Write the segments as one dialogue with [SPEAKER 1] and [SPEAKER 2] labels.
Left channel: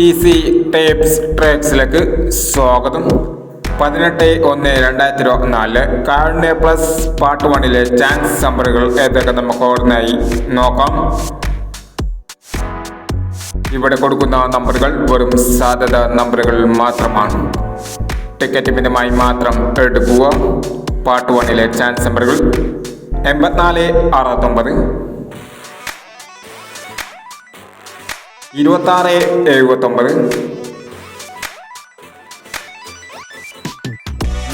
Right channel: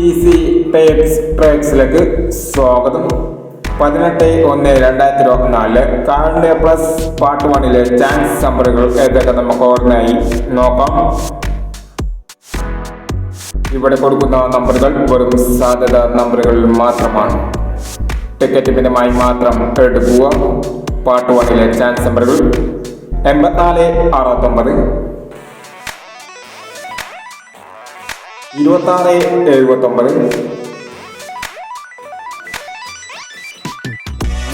[SPEAKER 1] Easy tapes ട്രേഡ്സിലേക്ക് സ്വാഗതം. പതിനെട്ട് ഒന്ന് രണ്ടായിരത്തി ഇരുപത്തിനാലിൽ കാർഡ് പ്ലസ് പാർട്ട് വണ്ണിലെ ചാൻസ് നമ്പറുകൾ ഏതൊക്കെ നമുക്ക് ഓർമ്മയായി നോക്കാം. ഇവിടെ കൊടുക്കുന്ന നമ്പറുകൾ വെറും സാധ്യത നമ്പറുകൾ മാത്രമാണ്. ടിക്കറ്റ് മിതമായി മാത്രം എടുക്കുക. പാർട്ട് വണ്ണിലെ ചാൻസ് നമ്പറുകൾ എൺപത്തിനാല് അറുപത്തൊമ്പത് ഇരുപത്താറ് എഴുപത്തൊമ്പത്.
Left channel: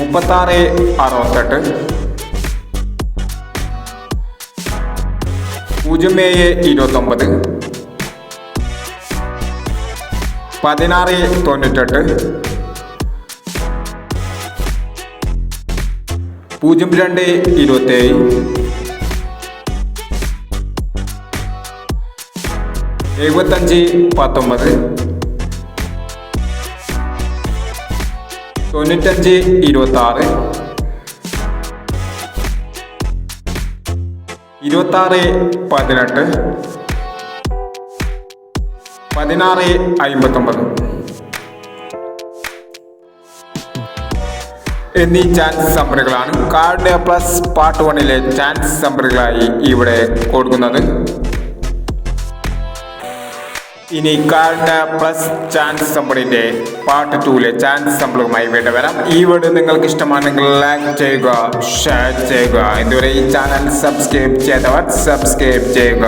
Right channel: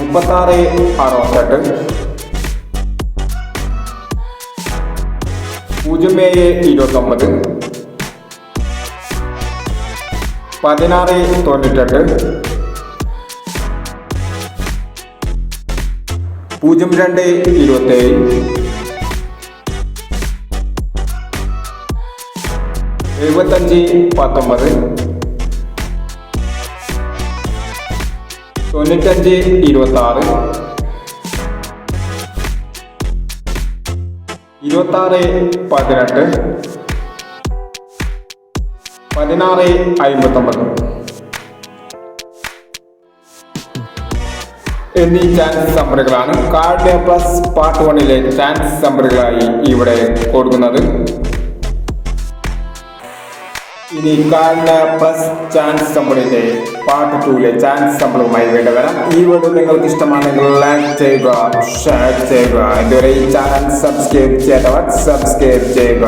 [SPEAKER 1] മുപ്പത്താറ് അറുപത്തെട്ട്. പൂജ്യം ഏഴ് ഇരുപത്തൊമ്പത്. പതിനാറ് തൊണ്ണൂറ്റെട്ട്. പൂജ്യം രണ്ട് ഇരുപത്തേഴ്. എഴുപത്തഞ്ച് പത്തൊമ്പത്. തൊണ്ണൂറ്റഞ്ച് ഇരുപത്തി ആറ് ഇരുപത്തി ആറ് പതിനെട്ട്. പതിനാറ് അമ്പത്തൊമ്പത് എന്നീ ചാൻസ് നമ്പറുകളാണ് കാർഡ് പ്ലസ് പാർട്ട് വണ്ണിലെ ചാൻസ് നമ്പറുകളായി ഇവിടെ കൊടുക്കുന്നത്. ഇനി കാർഡ് ബസ് ചാൻസ് സമ്പിളിന്റെ പാർട്ട് ടൂലെ ചാൻസ് സമ്പിളുമായി വേണ്ടി വരാം. ഈ വീഡിയോ നിങ്ങൾക്ക് ഇഷ്ടമാണെങ്കിൽ ലൈക്ക് ചെയ്യുക ഷെയർ ചെയ്യുക. ഇതുവരെ ഈ ചാനൽ സബ്സ്ക്രൈബ് ചെയ്തവർ സബ്സ്ക്രൈബ് ചെയ്യുക.